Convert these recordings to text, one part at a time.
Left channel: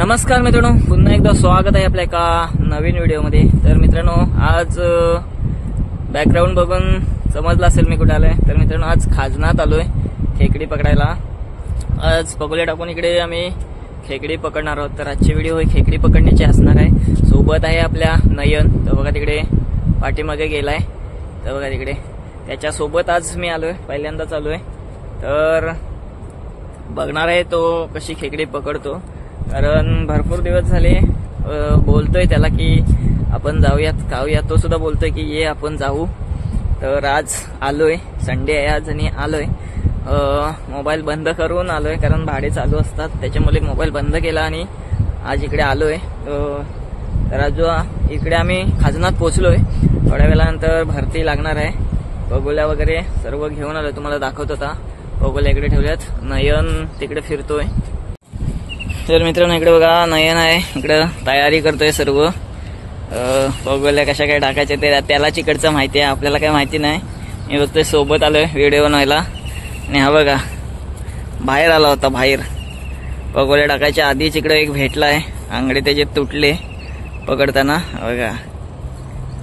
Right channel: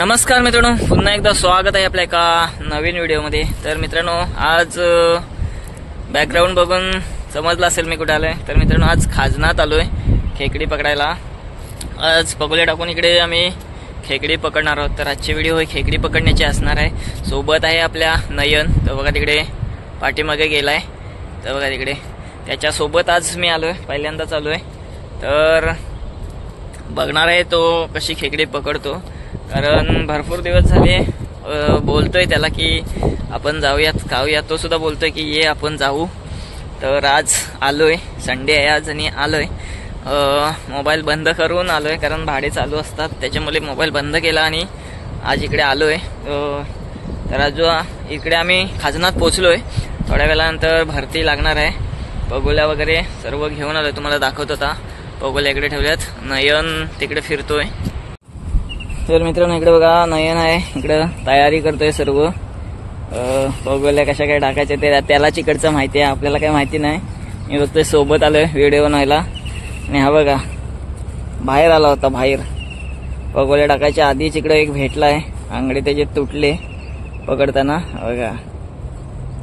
नमस्कार मित्रांनो, पुन्हा एकदा स्वागत आहे आपल्या एका नवीन व्हिडिओमध्ये। तर मित्रांनो, आज बॅकग्राऊंड बघून समजलं असेल मी कुठे आलोय। तर मित्रांनो, आज खाजनात आलोय खेकडी पकडायला। आज पगोले टाकून इकडे आम्ही खेकडी पकडणार आहोत। तर आजची व्हिडिओ ही खेकडी पकडण्याची असणार आहे। सोबत आहे आपल्या नयन, तर बघा तिकडे पाठीमागे गेलाय, तर बघा तिकडे त्याच्या सोबत आज मी आलोय, पहिल्यांदाच आलोय। तर बघणार आहे तो कशी खेकडी पकडतो, कारण भरपूर दिवस झाले बोलतोय त्याला की आपण जाऊयात खाऊयात, तो सुद्धा बोलतोय की ये आपण जाऊ। तर आज आलोय, संडे आहे आज आणि आलोय। मोबाईल बंद करून आलोय कारण भाडे चालू असतात, त्याच्यामुळे मोबाईल बंद केला आणि आज इकडे आलोय। तर आज इकडे आम्ही खाजनात पोहोचलोय। थोड्या वेळानंतर भरती लागणार आहे। पगोल्या वगैरे सर्व घेऊन आलोय, तुम्हाला दाखवत होता। पगोल्या इकडे ठेवल्यात, नयन तिकडे फिरतोय। तर मित्रांनो, इकडे बघा नयन आहे, इकडे तयारी करतोय सर्व। पगोल्या कशा काय टाकायच्या ते त्यालाच इकडचं माहिती आहे, आपल्याला काही माहिती नाही। मी फक्त सोबत आलोय व्हिडिओ बनवायला। आणि हा बघा बाहेर आला होता, बाहेर पगोल्या टाकायच्या आधीच इकडे एक भेटलाय, आंगडे त्याचे तुटले पकडताना। बघा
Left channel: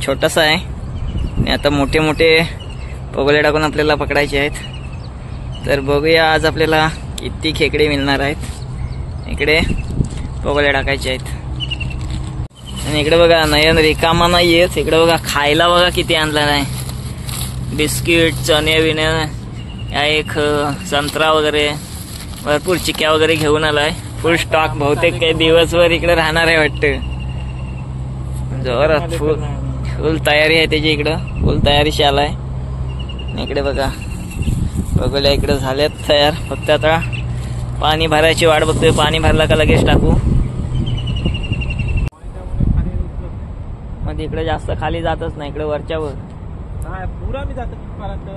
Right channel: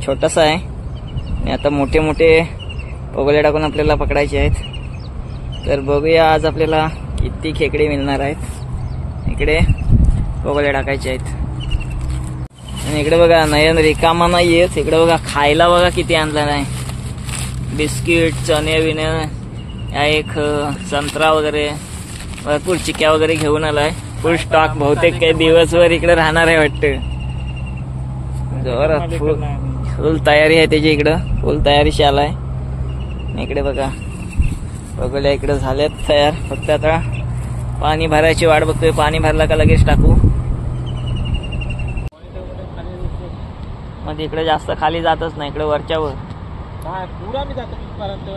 छोटासा आहे आणि आता मोठे मोठे पगोल्या टाकून आपल्याला पकडायचे आहेत। तर बघूया आज आपल्याला किती खेकडे मिळणार आहेत। इकडे पगोल्या टाकायचे आहेत आणि इकडे बघा नयन रिकामा नाही येत। इकडे बघा खायला बघा किती आणला नाही, बिस्किट, चणे बिणे, या एक संत्रा वगैरे, भरपूर चिक्या वगैरे घेऊन आलाय। फुल स्टॉक, बहुतेक काही दिवसभर इकडे राहणार आहे वाटतं। जोरात फुल तयारी आहे त्याची, इकडं फुल तयारीशी आलाय। इकडे बघा पगोल्या इकडे झाल्यात तयार, फक्त आता पाणी भरायची वाट बघतोय। पाणी भरला का लगेच टाकू। म्हणजे इकडे जास्त खाली जातच नाही, इकडे वरच्यावर पुरा मी जातो तिथपर्यंत।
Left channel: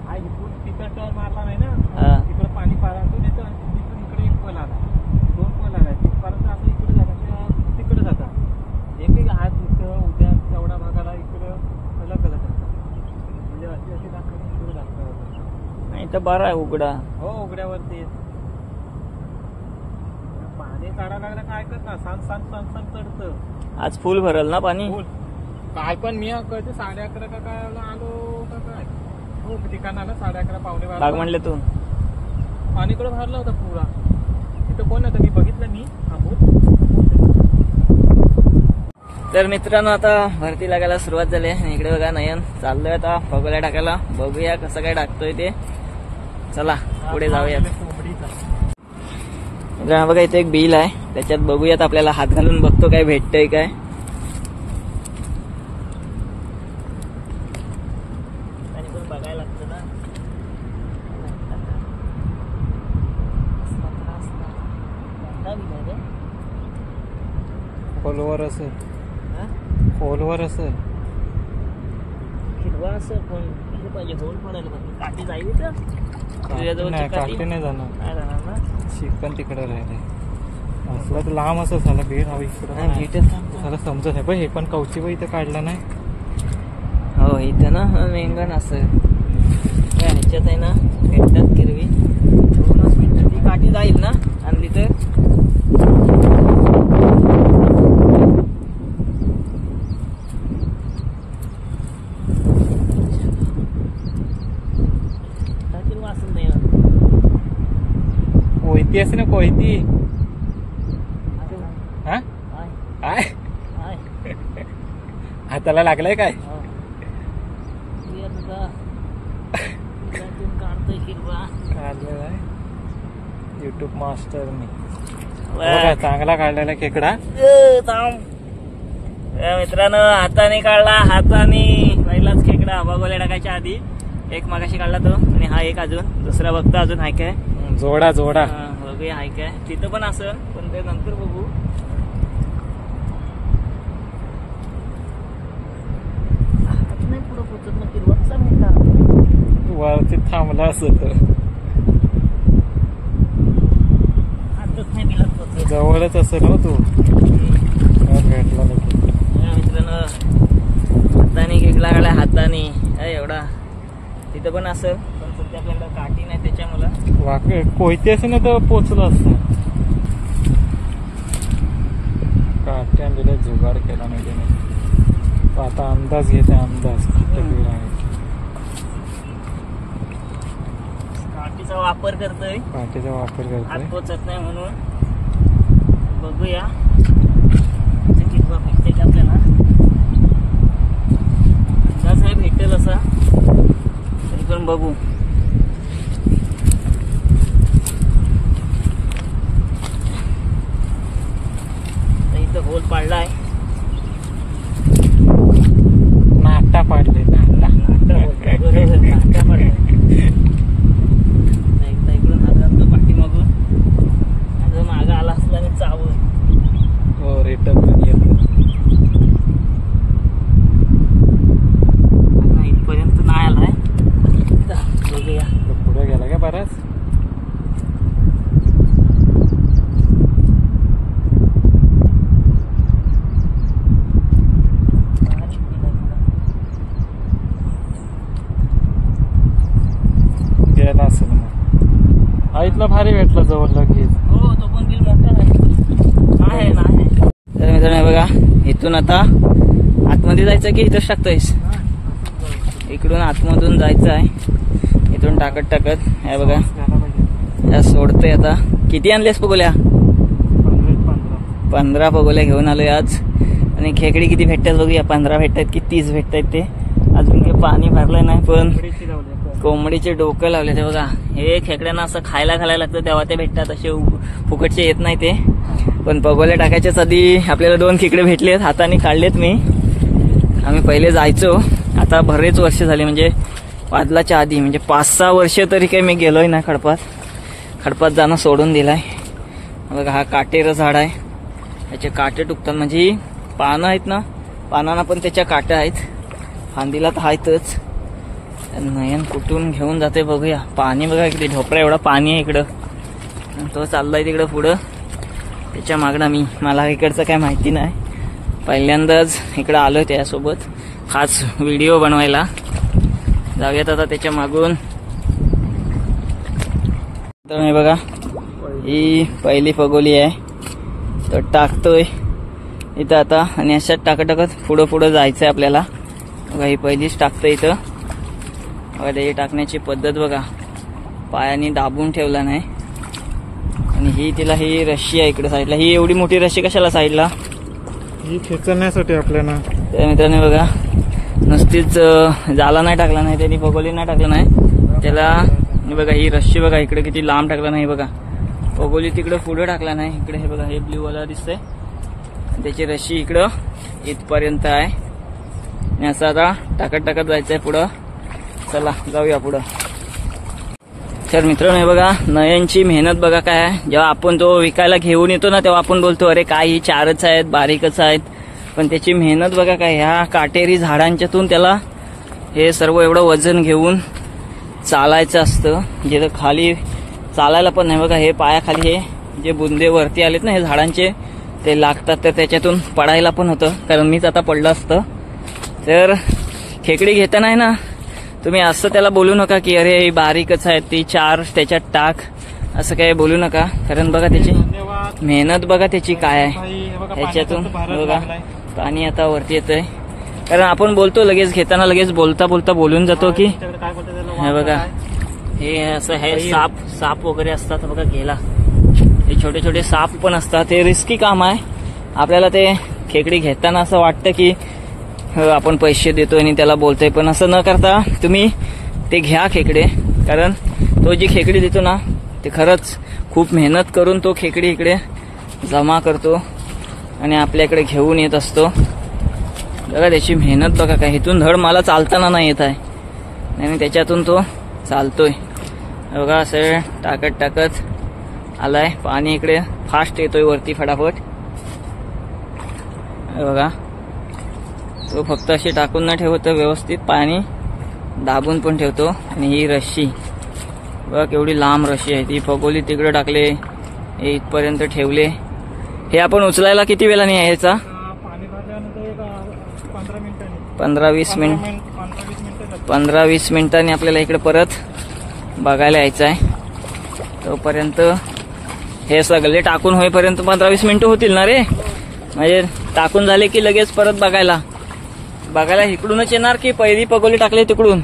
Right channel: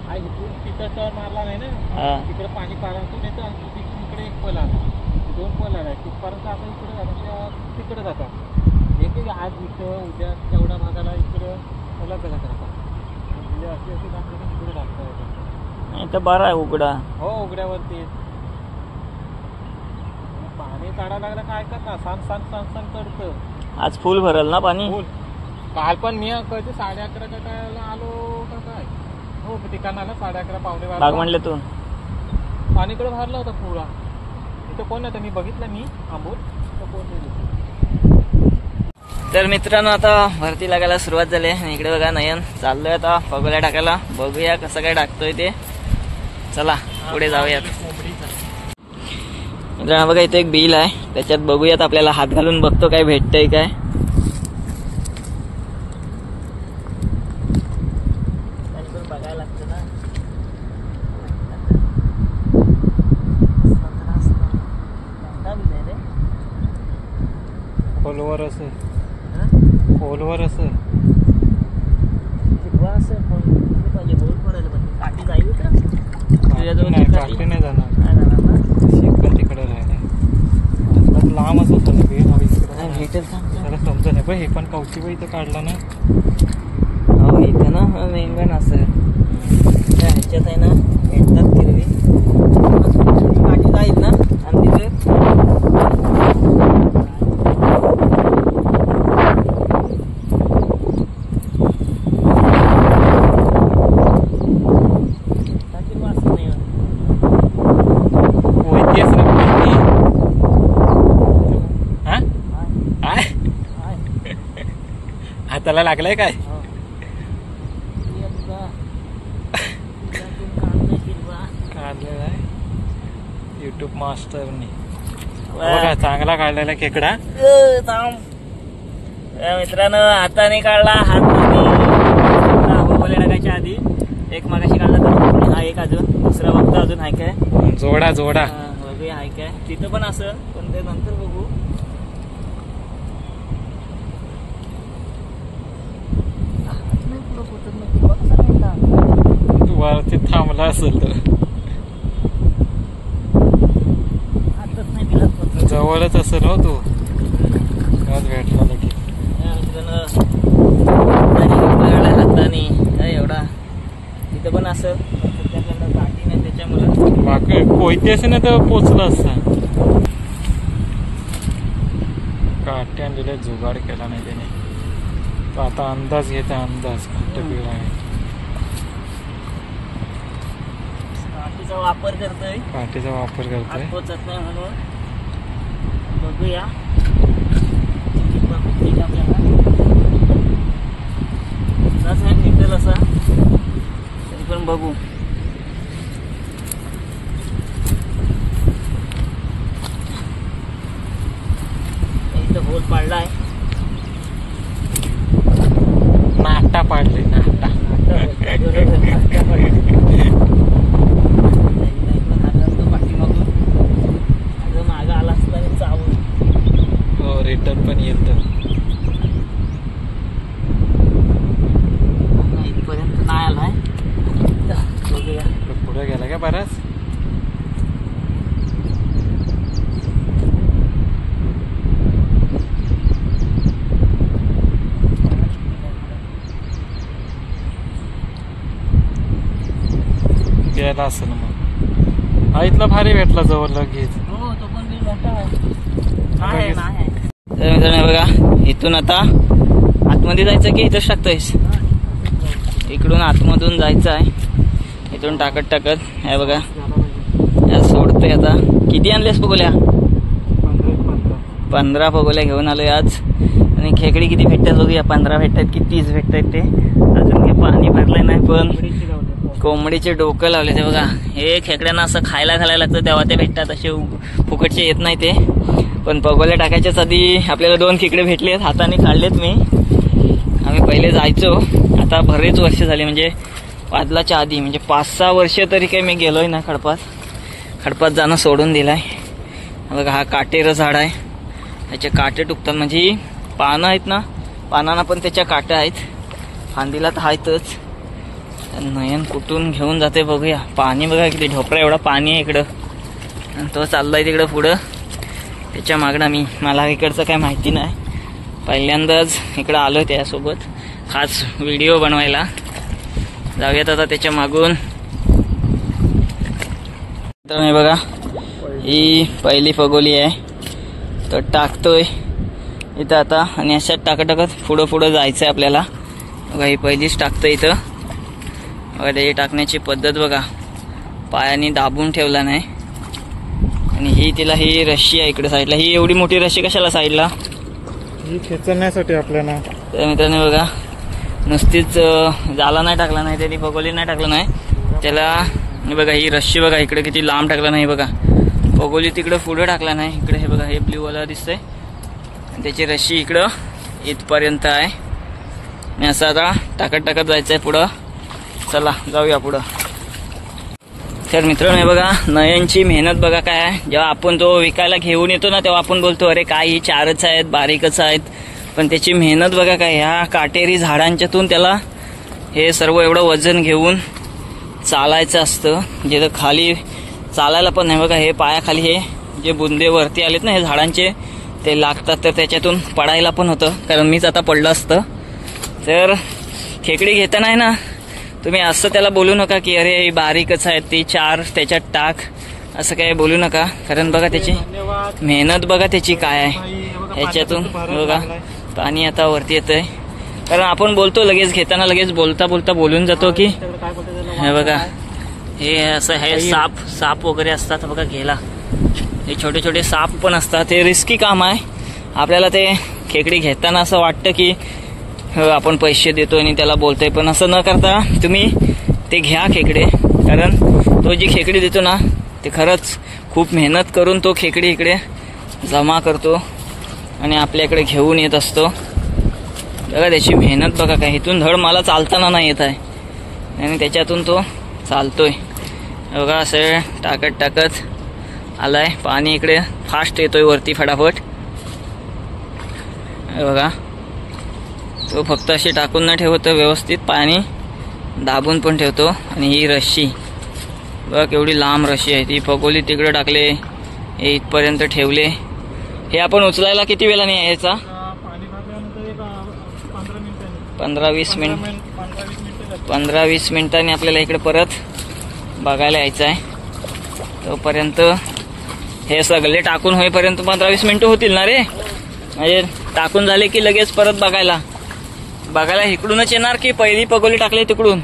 हा इथून तिथं मारला नाही ना, तिकडे पाणी पारातून येतं आणि तिथून इकडे एक पल आला, 2 पल आला तिथपर्यंत। आता इकडे जातात, तिकडे जातात एक आज इथं, उद्या तेवढ्या भागाला इकडं अलग अलग राहतात। म्हणजे अशी अशी दाखवली इकडे लागतात। नाही तर बरं आहे उघडा, हो उघड्यावरती पाणी काढायला लागलं काय करणार, सांग चढतं। आज फुल भरल ना पाणी। काल पण मी कधी 11:30 का काय आलो का काय, हो ठिकाणाला 11:30 पावणे 12 बागमंडल्यातून पाणीकडे भरला होता पुरा। तिथं कोण होतं मी बघितलं, मी थांबून। तर मित्रांनो, आता भरती लागायला सुरुवात झाली आहे। इकडे बघा नयन चाललोय आता पगोल्या टाकायला, बघूया कसं काय टाकतोय ते। चला पुढे जाऊयात। मित्रांनो बघा इथे एक बिल आहे, त्याच्यात बघूयात, आपल्याला हात घालून बघतो काय भेटतंय काय। बघायला लागतं ना, खोलवर असेल, खोलवर असेल, हिरवा असेल पाहिजे, गोल पडायला पाहिजे। काठी जाईल का? काठी नाही जाणार, शिकत तिकडे राहिला लांब असं झालं बेल हवी इकडे त्याला समजत नाही। पण हे पण कवची पण इथं काढलं नाही। हो इथं ना मेंगण असं ह्याच्यात आहे ना, भेटतात किरवी, काठी जाईल ना। आणि तिथे हाताला लागलाय काय? काढलेला आहे युट्यूब मास्टरनी, चांगला काढलेला खेकडा। मित्रांनो हाताने काढला, हाताने खेकडा पगोल्या टाकायच्या आधी। एक मागाशी काढला तो, हा एक अजून दुसरा बघतो अजून हाय काय, जोडा जोडा बघूया हाय काय। तिथं पण असं, पण ते नंतर बघू। वरती थांबला असेल तर जवळच असेल हो तो, भेटला लगेच। मित्रांनो हाताने काय एवढा, तिथं पण असेल, पण सध्या आपल्याला काठी नाही त्याच्यामुळे कोयते असे ना तर पोचलं असतं। काटे आणलेले जुगाड केला नाही त्याने. तो आता अंदाज घेते, अंदाज काटेबीड आहे. काठीचा वापर करतोय, काटेचा वापर करतोय. हात पोचत नाही म्हणून. बघूया किती भेटते आपल्याला. अंदाज नाही भेटेल असा, तरी पण बघू. इथं होल पाडलाय. नाटा पाडले, नाटा. पाठीमागून मागं आला असला चावून. हो, रिटर्न पण येतं. इथपर्यंत नाही आलाय. पुढे गेला का बराच. गेला असेल मग. हा इथला भारी भेटला जवळ लगेच. हो, तो पण बिल मोठा आहे. तर मित्रांनो बघा, इथून आता आतमध्ये जायचं की इथंच टाकतोयस? इकडून आतमधून जायचं आहे. इथून टाकत टाकत हे बघा या सोडतोय. आता किती आणलेस पगोल्या? 15 पगोल्या घेऊन आलोय आज. आणि खेकडी किती भेटतात बघूया. 15 भेटतात की 30 भेटतात ते. अजून काही पाणी भरलंय नाही, पण कोंबडीचे डोकं लावले ते बघा. हे खेकड्यांना असं खायला घालायला लागतं तेव्हा ते भेटतात, असे फुकटचे येत नाही ते. पण पगोल्या टाकायच्याच आधी आपल्याला 2 खेकडे भेटलेत, हाताने काढलेत मी. आम्ही पहिले जायचो, आता बरेच वर्ष झाले, म्हणजे वादलाच्या आधी, म्हणजे 5-6 वर्ष तरी काही मी गेलोय ना खडपात जाणं सोडून दिलाय. बघा हा काटेर झाड आहे, त्याचे काटे टुकतात. म्हणजे पानं आहेत ना, पानांना पण त्याच्या काट्या आहेत, फांदीला तर आहेतच. नयन कुठून घेऊन जाते बघूया. पाणी बघा किती, ढोपरा एवढा पाणी आहे इकडं. आणि तो चाललाय तिकडं पुढं. त्याच्या मागणं मला इकडचं काय माहिती नाही, पहिल्यांदाच इकडं आलो त्यासोबत खास व्हिडिओ बनवायला. जाऊयात आता त्याच्या मागून. तर हे बघा, ही पहिली पगोली आहे, तर टाकतोय इथं आता. आणि अशात टाकत पुढं जायचं आहे आपल्याला. बघा ही पहिलीच टाकतोय इथं. बघा त्याची टाकण्याची पद्धत बघा, पायाने दाबून ठेवला नाही. आणि ही रशी आहे इकडे साईडला. ही एवढी मोठी रशी कशाला साईडला? ही खेचण्यासाठी आपल्याला. तर मित्रांनो बघा, नुसतीच जाला नाही टाकला नाही त्यांनी, पगोली नाही टाकलं नाही त्याला. बघा ही रशी बघा इकडे किती लांब टाकला नाही बघा. पगोली तिकडं पुढे टाकला नाही. इकडे हे बघा, हे ब्ल्यू वाला दिसतंय, त्याची रशी इकडं इथपर्यंत आहे. आणि असं आता टाकत जायचं आहे पुढं. चला जाऊया पुढं. तर मित्रांनो हे बघा, नयनची मेहनत बघा काय आहे. जेव्हा आपण तो विकायला घेऊन येतो ना, तेव्हा आपण बोलतो अरे काय ही 4च आहेत, बारीकच आहेत. पण त्याची मेहनत बघा काय. ह्या काटेरी झाडांच्यातून त्याला हे सर्व एवढं वजन घेऊन चालायचं असतं, जिथं खाली चालायला पण नाही बघा. हे पायाखाली हे जे बुंदे वरती आलेत ना हे झाडांचे, ते लागतात, तर त्याच्यातून पडायला पण होतं, कारण मीच आता पडलं असतं. तर खेकडी घेताना आहे ना, तुम्ही असं त्याला बोलू नका की अरे बारीकच आहे ती 4 त्याच्यात टाक, असं काही बोलू नका. कारण बघा त्याची मेहनत बघा त्याची काय आहे. ह्याच्यातून बघा पाणी आता वरती येतंय. कारण आपण बोलतो लगेच घेताना, लगेच बोलता बोलून जातो की हे बघा हे असं हे साप वगैरे असतात बघा घ्यायला. हे छोटे साप पण असतात. हे रिस्की काम आहे. आपल्याला ते खेकडी घेताना असं वाटतं की आपण पैसे देतोय आणि त्याला बोलतोय, पण असं न करता तुम्ही ते घ्या खेकडे. कारण तो जी खेकडी देतो ना, ते खरंच खूप मेहनत करून तो खेकडी इकडे जमा करतो आणि आपल्याकडे घेऊन येत असतो. बघा त्याची मेहनत बघा काय. इथून धड मला चालताना नाही येत आहे आणि त्याच्यातून तो चालतोय बघा. असं टाकत आलाय. पाणी इकडे फास्ट येतोय वरती फटाफट. बघा तो फक्त अशी टाकून न ठेवतो, व्यवस्थित पाणी दाबून पण ठेवतो. आणि ही रशी बघा केवढी लांब रशी आहे. ती पगोली तिकडे टाकले, हे इथपर्यंत ठेवले. हे आपण उचलायला किती वेळाने यायचा? 15-20 मिनिटांनी आपल्याला इकडे परत बघायला यायचं आहे. तोपर्यंत हे सगळे टाकून होईपर्यंत 15-20 मिनिटं होतील ना रे. म्हणजे टाकून झाले की लगेच परत बघायला इकडूनच येणार की पहिली पगोली टाकली तिकडून?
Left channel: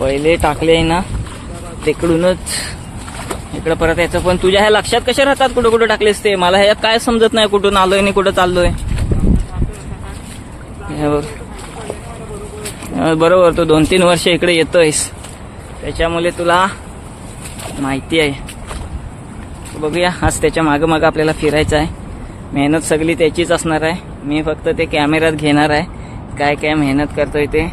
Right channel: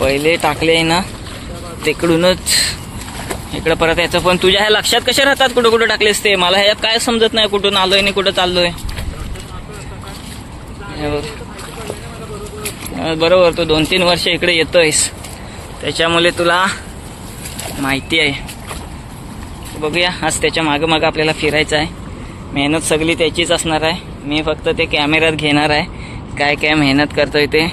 पहिले टाकले ना तिकडूनच इकडे परत यायचं. पण तुझ्या ह्या लक्षात कशा राहतात कुठं कुठं टाकलेस ते? मला ह्यात काय समजत नाही, कुठून आलोय आणि कुठं चाललोय. बरोबर, तू 2-3 वर्ष इकडे येतोयस त्याच्यामुळे तुला माहिती आहे. बघूया, आज त्याच्या मागं मागं आपल्याला फिरायचं आहे. मेहनत सगळी त्याचीच असणार आहे. मी फक्त ते कॅमेऱ्यात घेणार आहे काय काय मेहनत करतोय ते.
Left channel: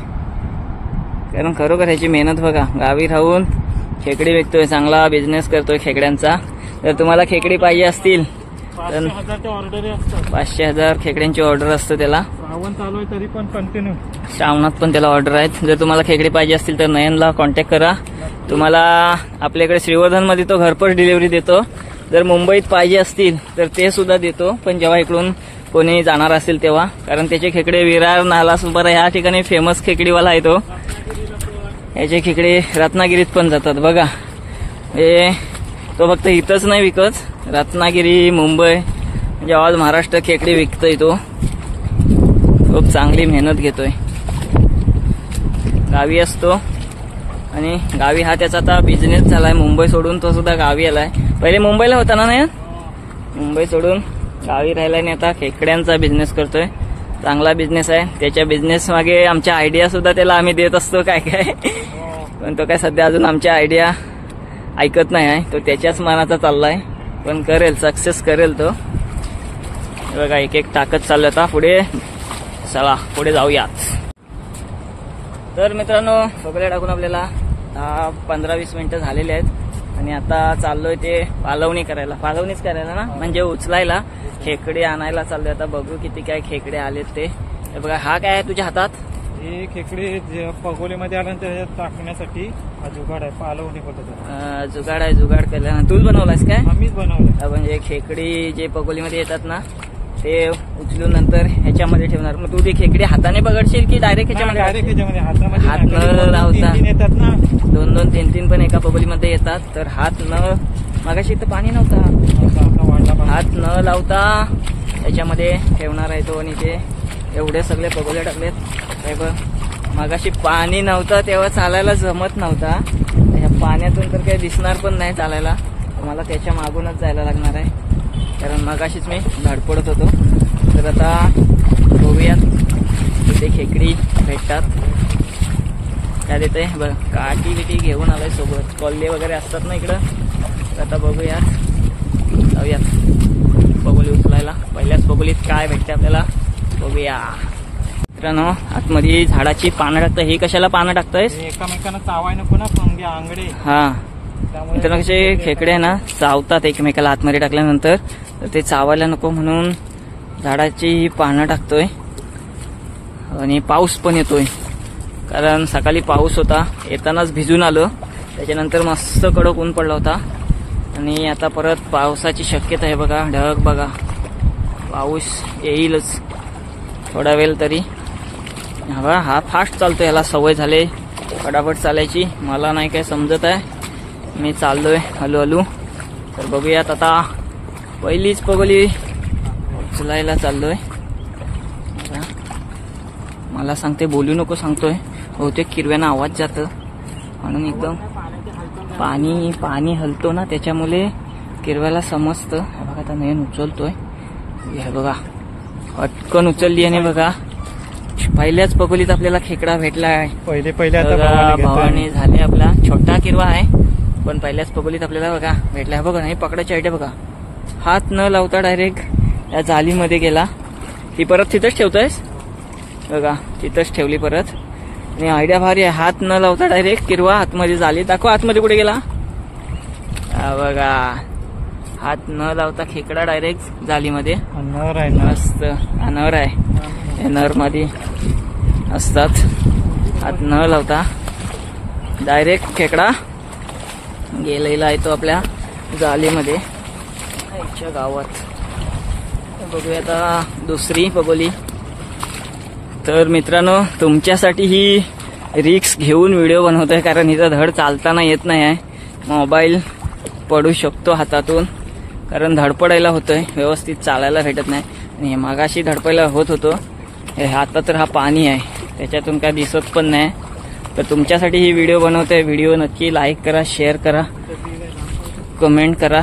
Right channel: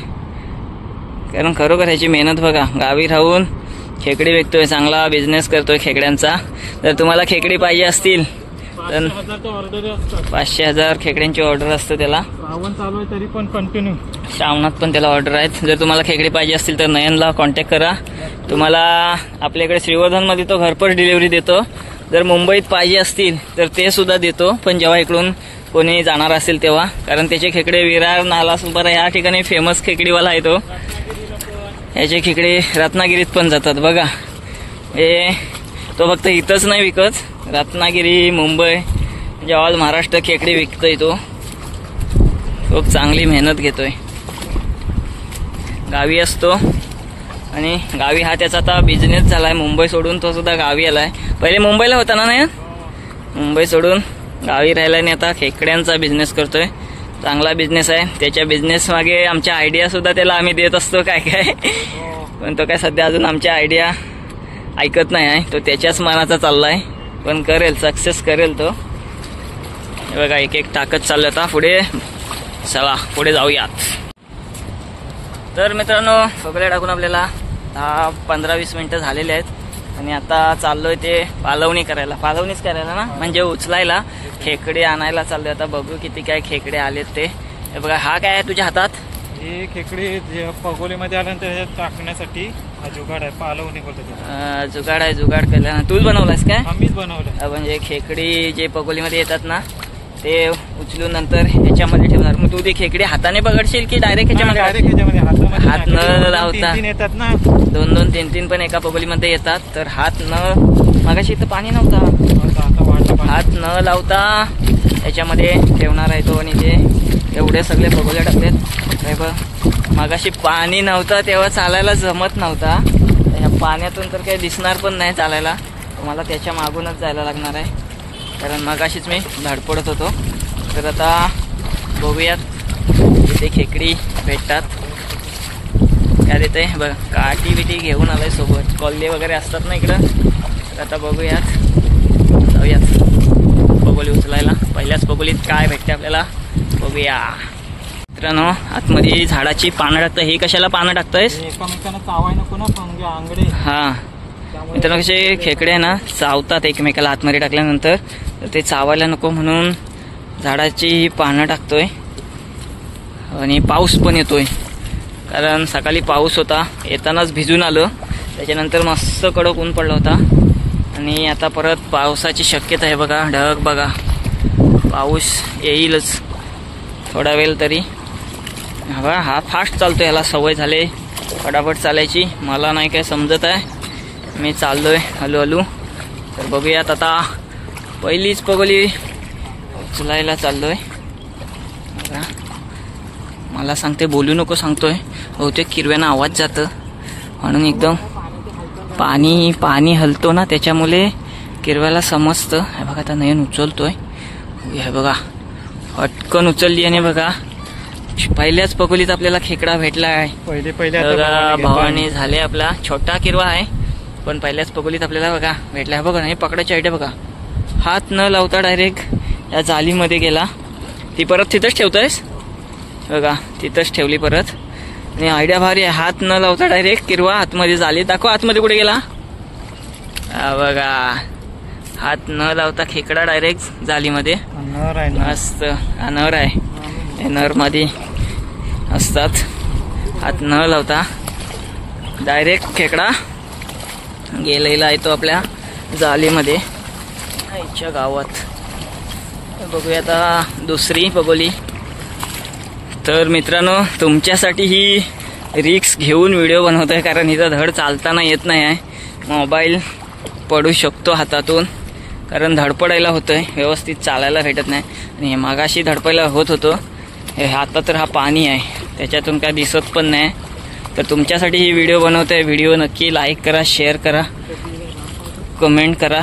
कारण खरोखर ह्याची मेहनत बघा. गावी राहून खेकडी विकतोय, चांगला बिझनेस करतोय खेकड्यांचा. जर तुम्हाला खेकडी पाहिजे असतील तर 500,000 खेकड्यांची ऑर्डर असते त्याला. श्रावण चालू आहे तरी पण कंटिन्यू श्रावणात पण त्याला ऑर्डर आहेत. जर तुम्हाला खेकडी पाहिजे असतील तर नयनला कॉन्टॅक्ट करा. तुम्हाला आपल्याकडे श्रीवर्धनमध्ये तो घरपोच डिलिव्हरी देतो. जर मुंबईत पाहिजे असतील तर ते सुद्धा देतो, पण जेव्हा इकडून कोणी जाणार असेल तेव्हा. कारण त्याचे खेकडे विरार, नालासोपारा या ठिकाणी फेमस खेकडीवाला आहे तो. याचे खेकडे रत्नागिरीत पण जातात बघा. तो फक्त इथंच नाही विकत, रत्नागिरी, मुंबई म्हणजे ऑल महाराष्ट्र खेकडे विकतोय तो. खूप चांगली मेहनत घेतोय. गावी असतो आणि गावी हा त्याचा आता बिझनेस झालाय. मुंबई सोडून तो सुद्धा गावी आलाय. पहिले मुंबईला होता ना, मुंबई सोडून गावी राहिला आणि आता खेकड्यांचा बिझनेस करतोय. चांगला बिझनेस आहे. त्याच्या बिझनेस मागे आमच्या आयडिया सुद्धा त्याला आम्ही देत असतो काय काय. पण तो काय सध्या अजून आमच्या आयडिया ऐकत नाही आहे. तो त्याच्याच मनाचा चाललाय, पण करेल, सक्सेस करेल तो. हे बघा, एक एक टाकत चाललं. आता पुढे चला, पुढे जाऊयात. तर मित्रांनो, पगोल्या टाकून आपल्याला 10-15-20 मिनिटं झालेली आहेत आणि आता चाललोय ते पालवणीच करायला ना, म्हणजे उचलायला. खेकडे आणायला चाललोय. आता बघू किती काय खेकडे आलेत ते. हे बघा, हा काय आहे तुझ्या हातात? हे खेकडे पगोलीमध्ये आल्यानंतर टाकण्यासाठी हा जुगाड आहे, पालवणी बोलतो त्याला. जुगाड आहे. जुगाड केला ना तूच बनवलास काय? आम्हीच बनवलं. म्हणजे खेकडी जे पगोलीमध्ये येतात ना ते उचलून नंतर ह्याच्यामध्ये ठेवणार. मग तू ती खेकडी हाताने पकडशील की डायरेक्ट ह्याच्यामध्ये? हात न लावता येतात ना, 2-2, 3-3 पण एका पगोलीमध्ये येतात. तर हात न, मगाशी इथं पाणी नव्हता, हात न लावता याच्यामध्ये ठेवणार आहे तो. आणि ते एवढे सगळे पगोले टाकलेत. काय बघ, मगाशी पाणी नव्हतं तेव्हा चालायला जमत नव्हता. ह्या पाण्यातून तर काही दिसणार पण नाही चालायला. तुम्हाला त्याच्या मागूनच जायला लागणार आहे, कारण मगाशीच मी धडपडत होतो. तर आता बघूयात तिथे खेकडी भेटतात काय देते. बघा, काठी बिटी घेऊन आलाय सोबत. कोल्हे वगैरे असतात ना इकडं. तर आता बघूयात, जाऊयात पगोली उचलायला. पहिल्याच पगोलीत काय भेटते आपल्याला बघूया. मित्रांनो, आतमध्ये झाडाची पानं टाकतं. हे कशाला पानं टाकतोयस? एकमेकांना चावाय नको ना, पंगे आंगडे. हा मित्रांनो, कसे खेकडे ना चावतात एकमेकाला आतमध्ये टाकल्यानंतर. तर ते चावायला नको म्हणून झाडाची पानं टाकतोय. आणि पाऊस पण येतोय, कारण सकाळी पाऊस होता, येतानाच भिजून आलो. त्याच्यानंतर मस्त कडक ऊन पडला होता आणि आता परत पावसाची शक्यता आहे. बघा, ढग बघा, पाऊस येईलच थोडा वेळ तरी. हा फास्ट चालतोय, ह्याला सवय झाली फटाफट चालायची. मला नाही काय समजत आहे, मी चाललोय हळूहळू. तर बघूयात, आता पहिलीच पगोली उचलायला चाललोय. मला सांगते बोलू नको सांगतोय, बहुतेक किरव्यानं आवाज जातं म्हणून एकदम पाणी हलतो ना त्याच्यामुळे किरव्याला समजतं. हे बघा, आता नयन उचलतोय. हे बघा, हटकन उचलली आणि बघा पहिल्याच पगोलीत आपल्याला खेकडा भेटला आहे. पहिले भावानी झाले. आपला छोटा किरवा आहे पण पहिल्याच पगोलीत आपल्याला बघा भेटला आहे. बघा, नाही पकडायची आयडिया बघा. हात न लावता डायरेक्ट या जालीमध्ये गेला. ती परत तिथंच ठेवतोयस बघा, तिथंच ठेवली परत. आणि आयडिया भारी आहे, हात न लावता डायरेक्ट किरवा आतमध्ये जाली. दाखव आतमध्ये कुठे गेला. बघा, हात न लावता खेकडा डायरेक्ट जालीमध्ये. मस्त नर आहे, नर मध्ये असतात. हात न लावता डायरेक्ट खेकडा गेलेला आहे तो आपल्या जालीमध्ये आईच्या गावात. बघूया आता दुसरी पगोली. तर मित्रांनो, तुमच्यासाठी ही रिक्स घेऊन व्हिडिओ बनवतोय, कारण इथं धड चालताना येत नाही आहे. मोबाईल पडू शकतो हातातून, कारण धडपडायला होतंय, व्यवस्थित चालायला भेटत नाही. आणि हे मागाशी धडपायला होत होतं, हे आता तर हा पाणी आहे, त्याच्यातून काय दिसत पण नाही. तर तुमच्यासाठी ही व्हिडिओ बनवतोय. व्हिडिओ नक्की लाईक करा, शेअर करा, कमेंट करा.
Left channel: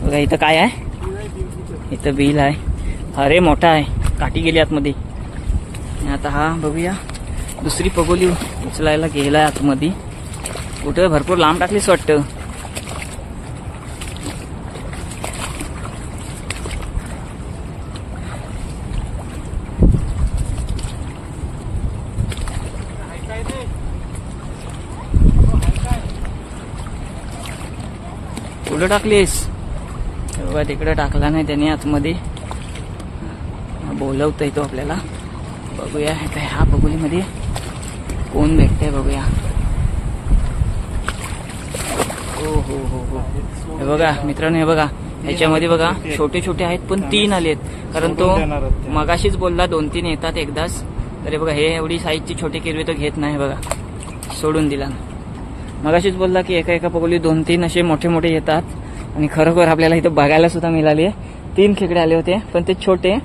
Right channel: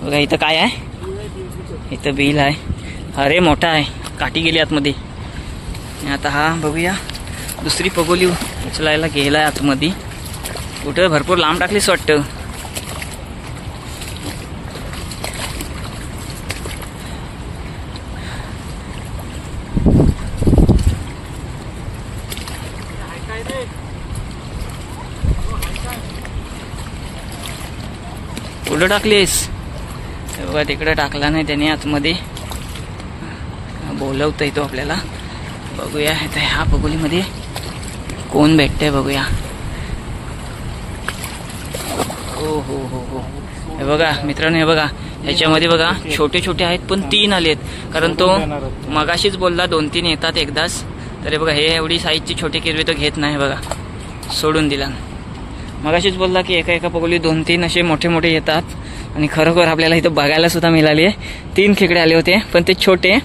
बघा इथं काय आहे, इथं बिल आहे. अरे मोठा आहे, काठी गेली आतमध्ये. आता हा बघूया दुसरी पगोली उचलायला गेलाय आतमध्ये. कुठं भरपूर लांब टाकलीच वाटतं. कुठं टाकलीस? बघा तिकडे टाकला नाही त्याने आतमध्ये. बोलवतोय तो आपल्याला. बघूया ह्या पगोलीमध्ये कोण भेटतंय बघूया. हो हो हो हो, हे बघा मित्रांनो, हे बघा ह्याच्यामध्ये बघा छोटे छोटे आहेत पण 3 आलेत. कारण तो मगाशीच बोलला 2-3 येतात एकदाच. तर हे बघा हे एवढी साईजची छोटे किरवे तो घेत नाही. बघा सोडून दिला. मगाशीच बोलला की एका एका पगोली 2-3 असे मोठे मोठे येतात. आणि खरोखर आपल्याला इथं बघायला सुद्धा मिळाली आहे. 3 खेकडे आले होते पण ते छोटे.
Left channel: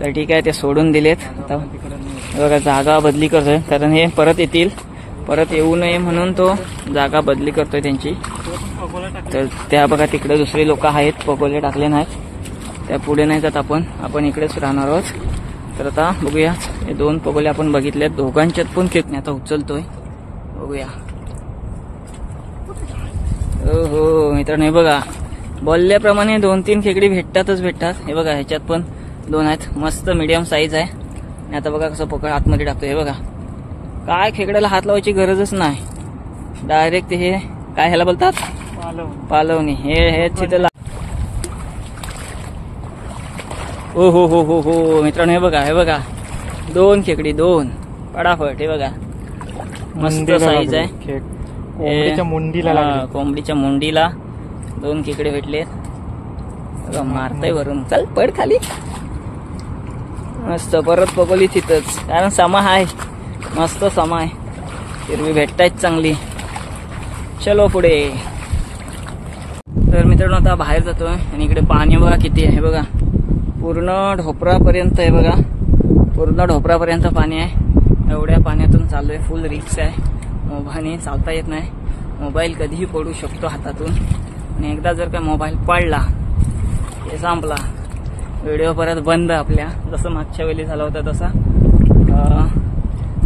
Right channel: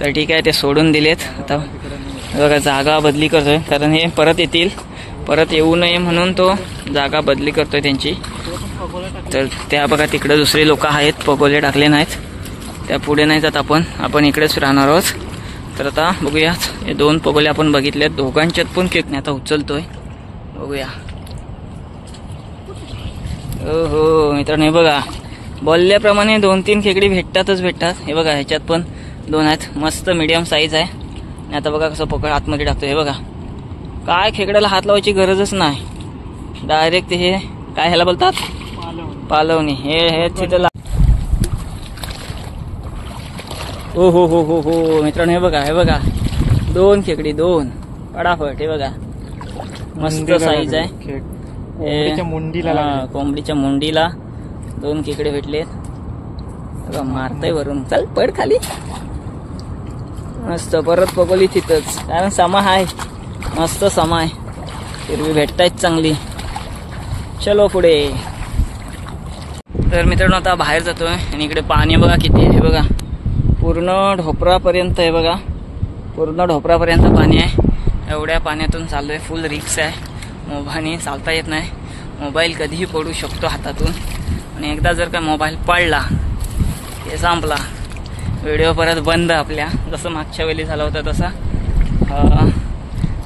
तर ठीक आहे, ते सोडून दिलेत. आता बघा जागा बदली करतोय, कारण हे परत येतील, परत येऊ नये म्हणून तो जागा बदली करतोय त्यांची. तर त्या बघा तिकडे दुसरे लोक आहेत, पगोले टाकले नाहीत, त्या पुढे नाही जात. आपण इकडेच राहणार आहोत. तर आता बघूया, हे 2 पगोले आपण बघितलेत, दोघांच्यात पण खेकडे आता उचलतोय. बघूया. हो मित्रांनो, हे बघा बोलल्याप्रमाणे 2-3 खेकडी भेटतात. हे बघा ह्याच्यात पण 2 आहेत, मस्त मीडियम साईज आहे. आणि आता बघा कसं पकड आतमध्ये टाकतोय. हे बघा काय खेकड्याला हात लावायची गरजच नाही, डायरेक्ट हे काय ह्याला बोलतात, पालवणी. हे तिथं हो हो हो हो हो मित्रांनो, हे बघा 2 खेकडी, 2 पडाफट. हे बघा मस्त साईज आहे. कोंबडीच्या मुंडीला 2 खेकडे भेटले. मारतय वरून, चल पड खाली. मस्त परत पगोली तिथंच, कारण समा आहे, मस्त समा आहे, हिरवी भेटतायत चांगली. चलो पुढे. तर मित्रांनो आता बाहेर जातोय आणि इकडे पाणी बघा किती आहे. हे बघा पूर्ण ढोपरापर्यंत. हे बघा पूर्ण ढोपरापर्यंत पाणी आहे. एवढ्या पाण्यातून चाललोय, फुल रिक्स आहे. मोबाईलने चालता येत नाही, मोबाईल कधीही पडू शकतो हातातून. आणि एकदा जर का मोबाईल पडला हे संपला, व्हिडिओ परत बंद आपल्या, जसं मागच्या वेळी झाला होता तसा.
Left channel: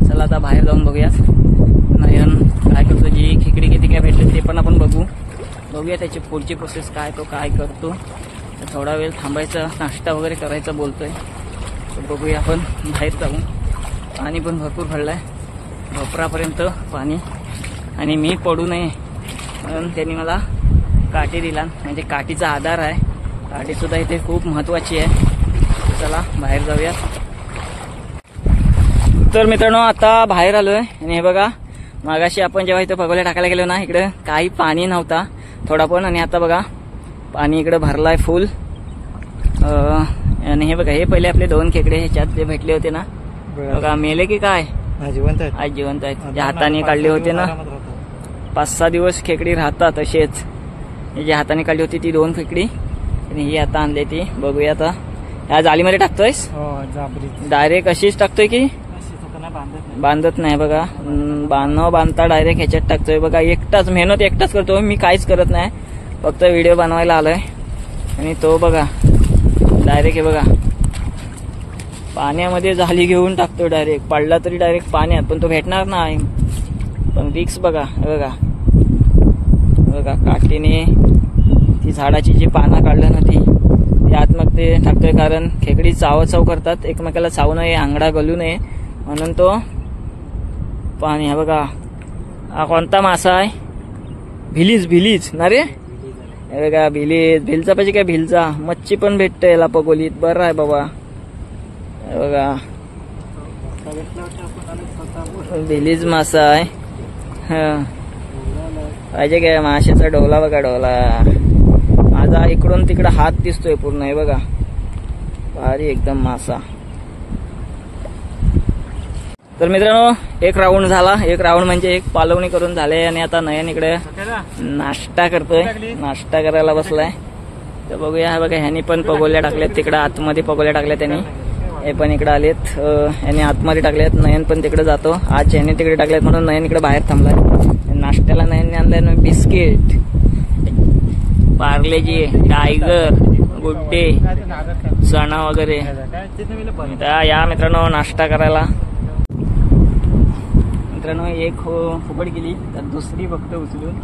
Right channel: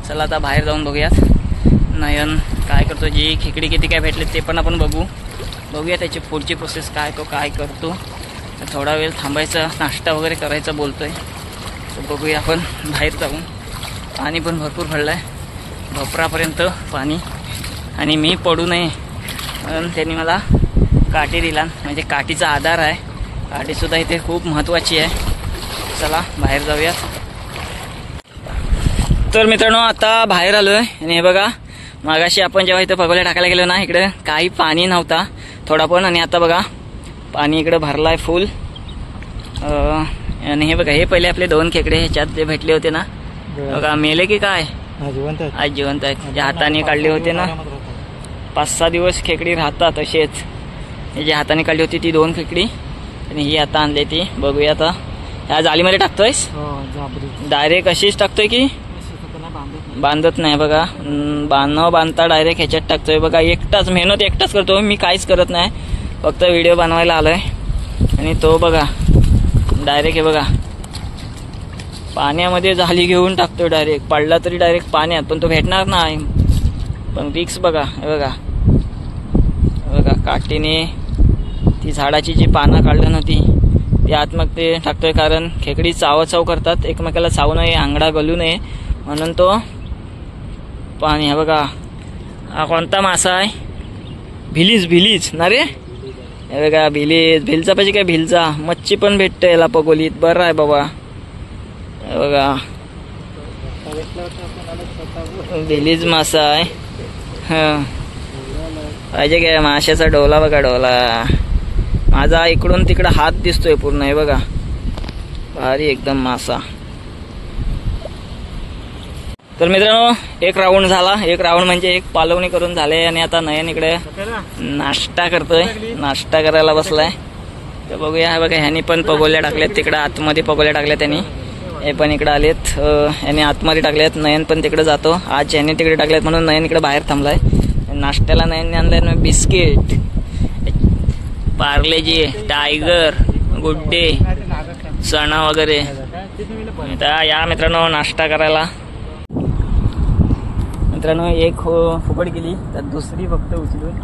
चला आता बाहेर जाऊन बघूयात नयन काय करतो. जी खेकडी किती काय भेटले ते पण आपण बघूया त्याची पुढची प्रोसेस काय, तो काय करतो. तर थोडा वेळ थांबायचा, नाश्ता वगैरे करायचा बोलतोय. तर बघूया आपण बाहेर जाऊन. पाणी पण भरपूर भरलं आहे, भोपरापर्यंत पाणी. आणि मी पडू नये म्हणून त्यांनी मला काठी दिला, म्हणजे काठीचा आधार आहे. काठीसुद्धा इथे खूप महत्त्वाची आहे. चला बाहेर जाऊयात. तर मित्रांनो आता बाहेर आलोय आणि हे बघा मागाशी आपण जेव्हा इथं पगोल्या टाकायला गेलो ना, इकडे काही पाणी नव्हता थोडा पण. आणि आता बघा पाणी इकडे भरलाय फुल. आणि हे बघा हे पहिले आपले 2 खेकडे ह्याच्यात जे भेटले होते ना, बघा मेले की काय, आज जिवंत आहेत. जे हाताने काढले होते ना, 5-6 दिवस खेकडी राहतात असेच. जे हाताने काढली होती ती 2 खेकडी आणि ही आता आणली ती. बघूया आता ह्या जाळीमध्ये टाकतोयस, डायरेक्ट अशीच टाकतोय की बांधत नाही. बघा बांधता डायरेक्ट ह्याच्यात टाकतोय. बघा एकटाच मेहनत एकटाच करतो, मी काहीच करत नाही, फक्त व्हिडिओ बनवायला आलोय. आणि तो बघा डायरेक्ट हे बघा पाण्यामध्ये जाळी घेऊन टाकतोय, डायरेक्ट पडला तरी डायरेक्ट पाण्यात, पण तो भेटणार नाही. पण रिक्स बघा. हे बघा काठीने ती झाडाची जी पानं काढलं ना ती आत मग ते टाकतोय. कारण खेकडी चाव करतात, एकमेकाला चावू नये, आंगडा गलू नये म्हणून तो पाणी. हा बघा हा कोणता मासा आहे, भिलीज ना रे. हे बघा भिलचा पाहिजे काय, भिलचा मच्छी पण भेटते याला पगोलीत. बरं आहे बाबा. हे बघा भिलीज मासा आहे. हा पाहिजे काय, माशाचा डोला बघा, डोला माझा इकडून तिकडं हात दिसतोय पूर्ण. हे बघा भारी एकदम मासा. तर मित्रांनो 1 राऊंड झाला, 1 राऊंड म्हणजे 1 पालवणी करून झाले. आणि आता नयन इकडे नाश्ता करतोय, नाश्ता करायला बसलाय. तर बघूया. हा बघा ह्यानी पण पगोल्या टाकल्यात तिकडं आतमध्ये, पगोल्या टाकल्यात त्यांनी. हे पण इकडे आलेत, ह्याने आतमध्ये टाकल्यात. नयन पण तिकडे जातो. आज ह्याने तिकडे टाकल्यात म्हणून नयन इकडे बाहेर थांबलाय. नाश्त्याला नयनने आणलंय biscuit, Parle-G, tiger, good day, चणा वगैरे. तर या मित्रांनो नाश्ता करायला. मित्रांनो एक फुकट गेली तर दुसरी फक्त उचलून.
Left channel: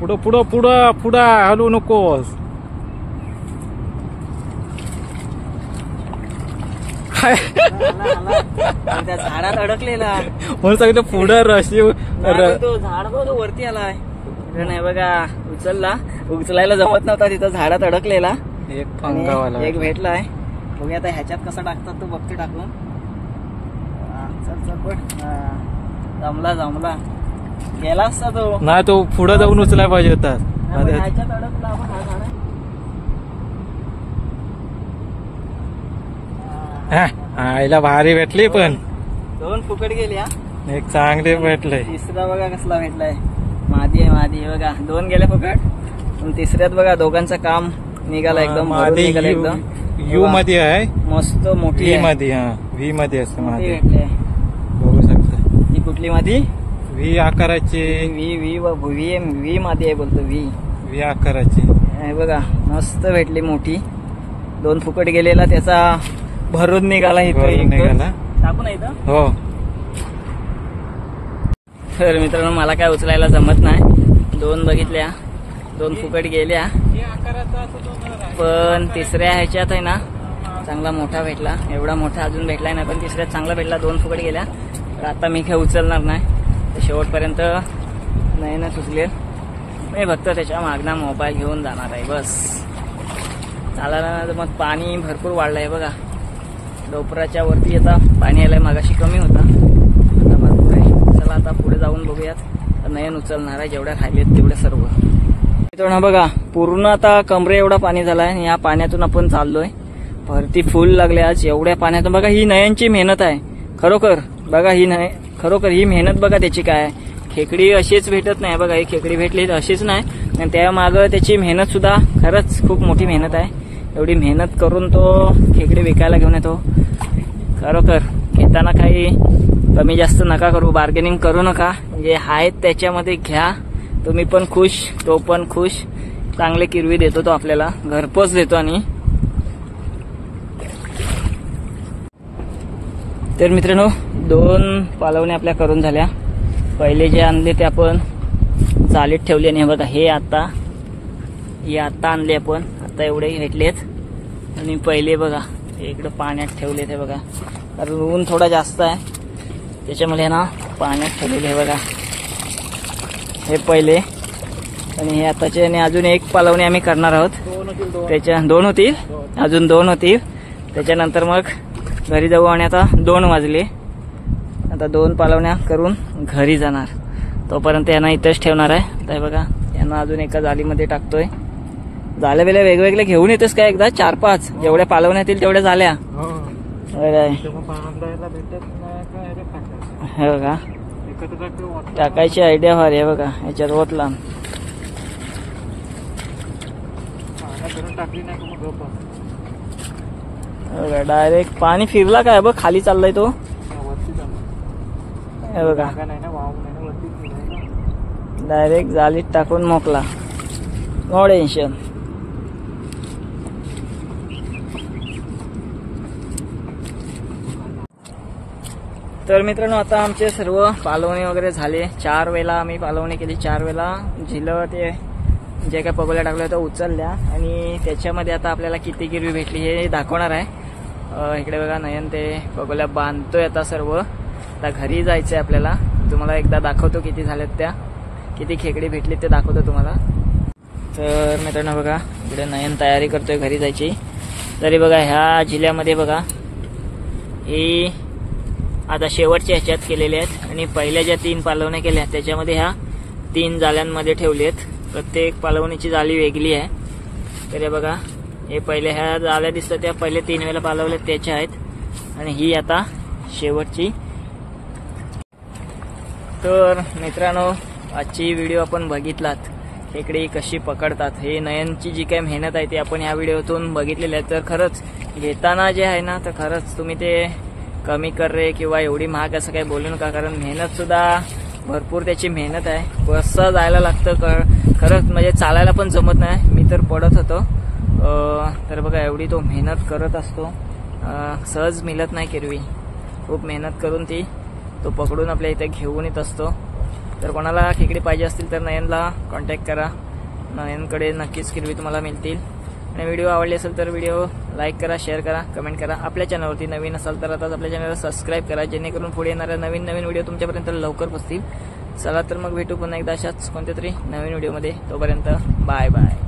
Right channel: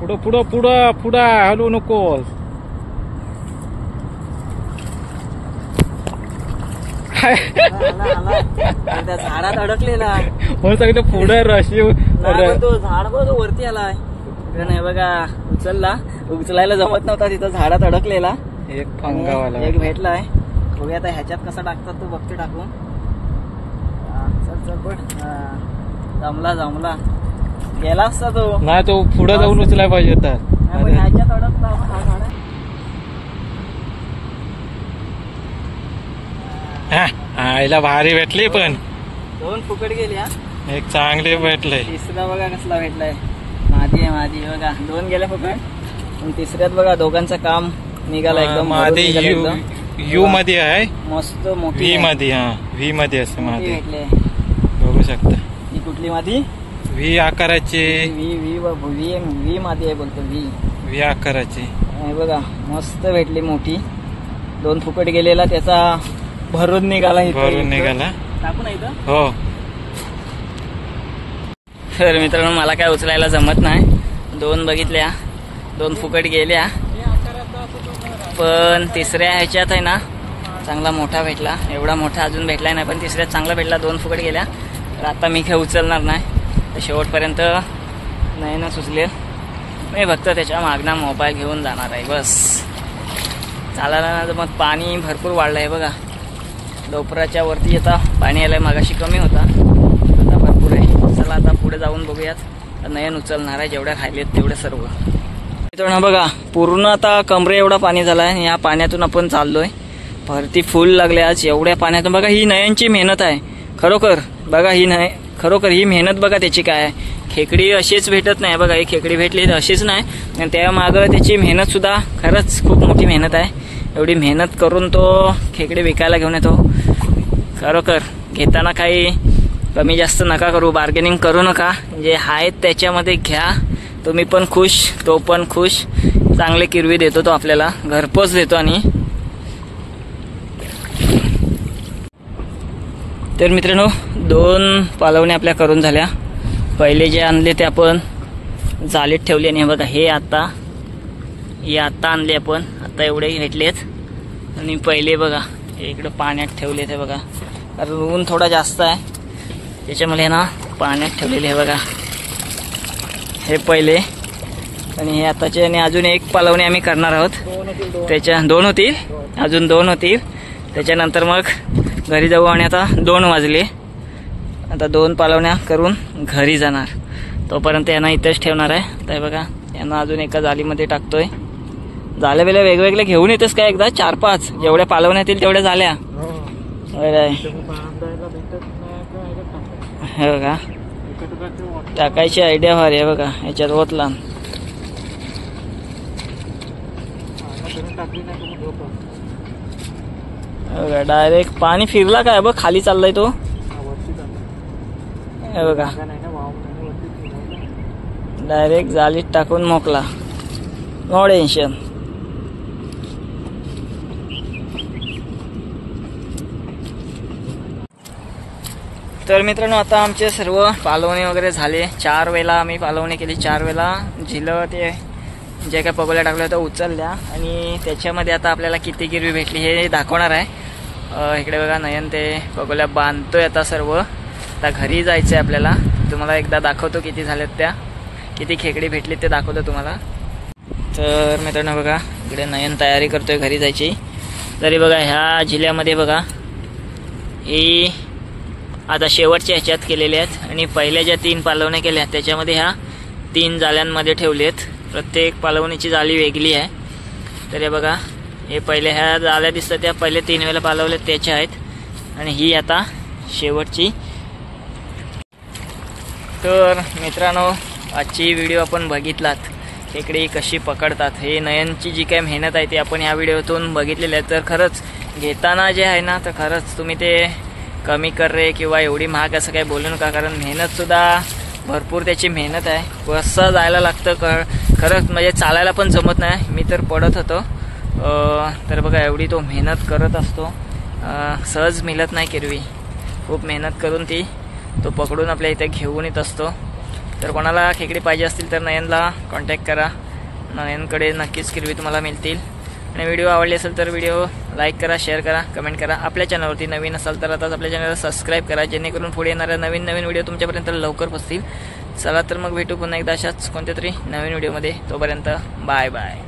पुढं पुढं पुढं पुढं हलू नकोस. त्या झाडात अडकलेला म्हणून सांगितलं पुढं रशी. तो झाड बघ वरती आलाय. नाही बघा उचलला, उचलायला जमत नव्हता, तिथं झाडात अडकलेला. एक पंगावाला एक भेटलाय. बघूया आता ह्याच्यात कसा टाकतात तो बघते टाकून. चल चल पण जमला जमला. गेला असता तो. नाही तो पुढे जाऊन उचलाय पाहिजे होता. ह्याच्यात अडकला हा झाड. आईला भारी भेटली पण. 2 फुकट गेली. हा एक चांगले भेटले. तिसरा बघा कसला भेटलाय. मादी आहे मादी. बघा 2 गेले फुकट. पण तिसऱ्यात बघा दोघांचं काम निघाला एकदम. मादी यू मध्ये आहे, मस्त मोठी व्ही मध्ये. हा व्ही मध्ये असते मादी, भेटले. बघू शकता. ही कुठली मादी? व्ही आकाराची. व्ही मादी आहे बोलतो. व्ही आकाराची आहे बघा. मस्त भेटली मोठी. 2 फुकट गेलेला त्याचा भरून निघाला. भरून निघाला. टाकू नाही तर. हो. तर मित्रांनो मला काय उचलायला जमत नाही. 2 बघितल्या, 2 फुकट गेल्या. पण तिसऱ्या ह्याच्यात आहे ना चांगला मोठा भेटला. एवढा मोठा अजून भेटलाय नाही, पण तिसऱ्यात चांगला भेटला. 2 फुकट गेल्या. तर आता मी काय उचलणार नाही. तर शेवटपर्यंत नाही ना सुचले. मी फक्त त्याच्या मागना मोबाईल घेऊन जाणार आहे बस. चालायला ना मग पाणी भरपूर वाढलं आहे बघा. डोपराच्या वरती आता पाणी आलंय. मागाशी कमी होता, आता भरपूर आहे. चला आता पुढे जाऊन बघूयात. नयन उचलणार आहे जेवढ्या खायलेत तेवढे सर्व. मित्रांनो बघा पूर्ण आता कमरे एवढा पाणी झालाय. आणि या पाण्यातून आपण चाललोय. भरती फुल लागले आज एवढ्या पाण्यातून. बघा ही नयनची मेहनत आहे खरोखर. बघा ही खरोखर ही मेहनत बघा त्याची काय आहे. खेकडी अशीच भेटत नाही बघा. ही खेकडी भेटली तर अशीच नाही, आणि त्या मागं त्याची मेहनत सुद्धा खरंच खूप मोठी मेहनत आहे. एवढी मेहनत करून तो खेकडी विकायला घेऊन येतो. खरोखर घेताना काही कमी जास्त नका करू, बार्गेनिंग करू नका. जे आहेत त्याच्यामध्ये घ्या. तुम्ही पण खुश, तो पण खुश. चांगले किरवी देतो तो आपल्याला, घरपोच देतो. आणि तर मित्रांनो 2 पालवणे आपल्या करून झाल्या. पहिले जे आणले ते आपण जालीत ठेवले. आणि बघा हे आता आणले आपण. आता एवढे भेटलेत. आणि पहिले बघा हे इकडं पाण्यात ठेवले ते बघा. कारण ऊन थोडा जास्त आहे त्याच्यामुळे ना पाण्यात ठेवलेले हे बघा. हे पहिले. आणि हे आताचे. आणि अजून 1 पालवणी आम्ही करणार आहोत. त्याच्या 2 होतील, अजून 2 होतील. त्याच्यानंतर मग घरी जाऊ. आणि आता 2 वाजले. आता 2 पालवण्या करून घरी जाणार. तोपर्यंत यांना इथंच ठेवणार आहे. तर बघा यांना अजून एका जालीमध्ये टाकतोय. जाल्या बेल्या वेगवेगळे घेऊन येतेस काय एकदा 4-5 जेवढ्या पालवण्या येतील तेवढ्या झाल्या. हे बघा टाकायची आयडिया भारी आहे बघा. याच्यात ओतला बघा. डायरेक्ट पाणी फिरला काय बघ खाली चाललाय तो. हे बघा डायरेक्ट जालीत टाकून मोकला. No tension. तर मित्रांनो आता आमचे सर्व पालवणी वगैरे झाले. 4 वेळा आम्ही पालवणी केली. 4 वेळा झिलं ते जे काय पगोल्या टाकल्या होत्या उचलल्या. आणि त्याच्यामध्ये आता आपल्याला किती गिरवी भेटली हे दाखवणार आहे. इकडे बघा नयन ते पगोल्या बांधतोय आता सर्व. आता घरी जायचं आहे आपल्याला. तुम्हाला एकदा दाखवतो किती झाल्यात त्या, किती खेकडी भेटली ते दाखवतो तुम्हाला. तर मित्रांनो बघा इकडे नयन तयारी करतोय घरी जायची. तरी बघा ह्या जिल्ह्यामध्ये बघा ही आता शेवटच्या ह्याच्यात केलेल्या आहेत. आणि पहिल्या ज्या 3 पालवण्या केल्या त्याच्यामध्ये ह्या 3 जाल्यांमध्ये ठेवलेत. प्रत्येक पालवणीची जाळी वेगळी आहे. तर हे बघा हे पहिले ह्या जाळ्या दिसतात त्या पहिले 3 वेळेला पालवल्यात त्याच्या आहेत. आणि ही आता शेवटची. तर मित्रांनो आजची व्हिडिओ आपण बघितलात, खेकडी कशी पकडतात, हे नयनची जी काही मेहनत आहे ती आपण ह्या व्हिडिओतून बघितलेली आहे. तर खरंच घेताना जे आहे ना, तर खरंच तुम्ही ते कमी कर रे किंवा एवढी महाग असं काही बोलू नका, कारण मेहनतसुद्धा भरपूर त्याची मेहनत आहे. कसं जायला लागतं खरंच, म्हणजे चालायला पण जमत नाही. मी तर पडत होतो. तर बघा एवढी तो मेहनत करत असतो, सहज मिळत नाही केरवी. खूप मेहनत करून तो पकडून आपल्या इथे घेऊन येत असतो. तर कोणाला खेकडी पाहिजे असतील तर नयनला कॉन्टॅक्ट करा. नयनकडे नक्कीच किरवी तुम्हाला मिळतील. आणि व्हिडिओ आवडली असेल तर व्हिडिओ लाईक करा, शेअर करा, कमेंट करा. आपल्या चॅनलवरती नवीन असाल तर आताच आपल्या चॅनलला सबस्क्राईब करा, जेणेकरून पुढे येणाऱ्या नवीन व्हिडिओ तुमच्यापर्यंत लवकर पोहोचतील. चला तर मग भेटू पुन्हा एकदा अशाच कोणत्या तरी नवीन व्हिडिओमध्ये. तोपर्यंत बाय बाय.